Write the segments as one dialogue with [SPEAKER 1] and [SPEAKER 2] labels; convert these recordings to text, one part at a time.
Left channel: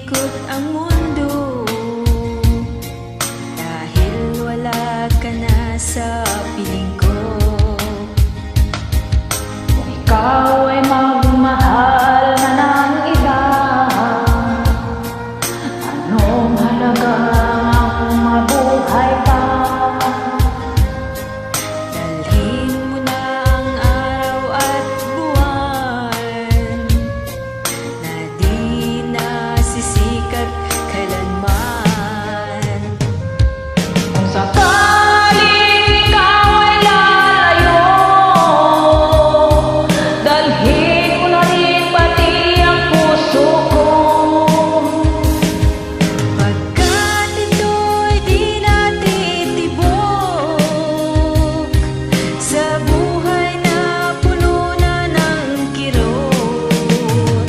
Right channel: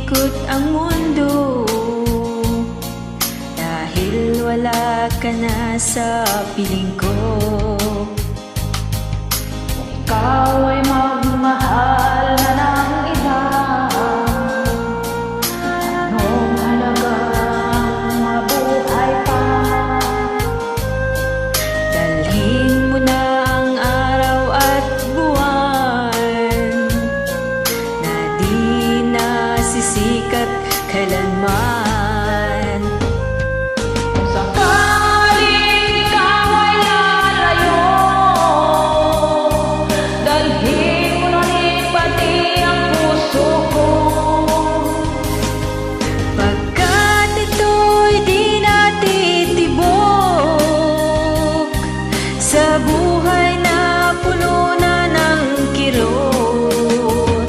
[SPEAKER 1] pag-ikot ang mundo. Dahil wala ka na sa piling ko.
[SPEAKER 2] Ikaw ay magmahal na ng iba. Anong halaga ang mabuhay pa?
[SPEAKER 1] Dalhin mo na kailanman.
[SPEAKER 2] Kung sakaling ikaw ay lalayo Dalhin mo na rin pati ang puso ko.
[SPEAKER 1] Pagkat ito'y di natitibok Sa buhay na puno na ng kirot.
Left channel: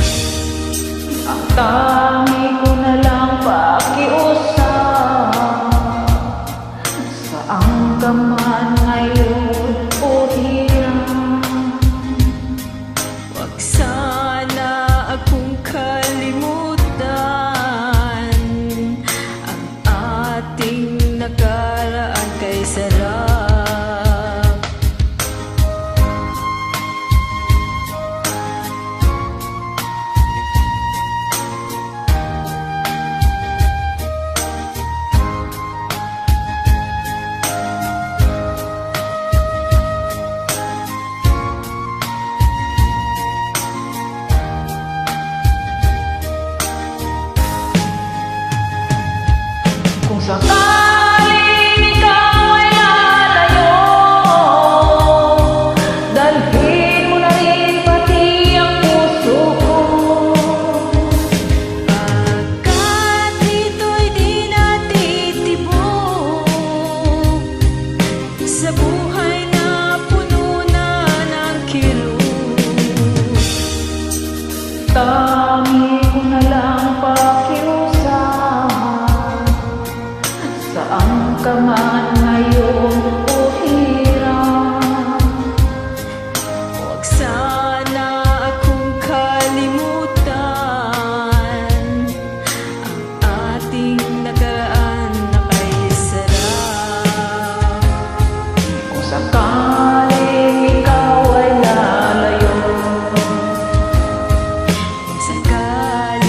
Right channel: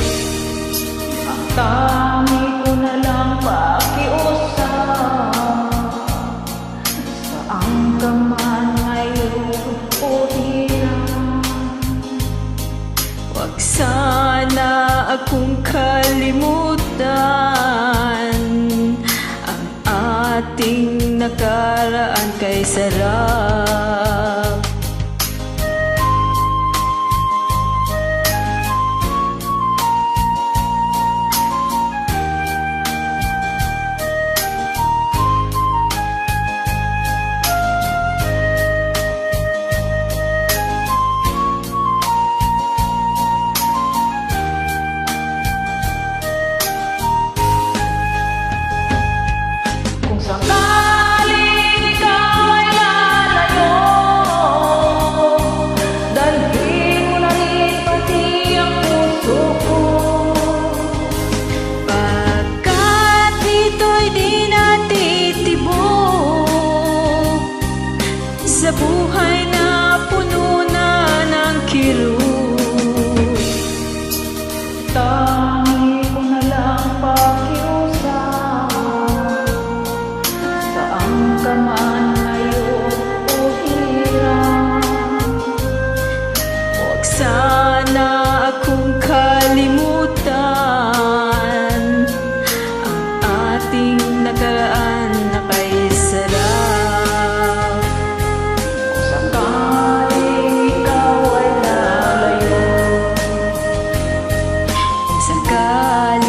[SPEAKER 2] Ang lang pakiusap Saan ka man ngayon o hirap
[SPEAKER 1] Huwag sana akong kalimutan Ang ating nakaraan kay sarap
[SPEAKER 2] sakaling ikaw ay lalayo Dalhin mo na rin pati ang puso ko.
[SPEAKER 1] Pagkat ito'y di natitibok Sa buhay na puno na ng kilo
[SPEAKER 2] naramdaman ngayon o oh hirap.
[SPEAKER 1] Huwag sana akong kalimutan Ang ating nakaraan na kay sarap
[SPEAKER 2] Kung sakaling ikaw ay lalayo
[SPEAKER 1] Kung sakaling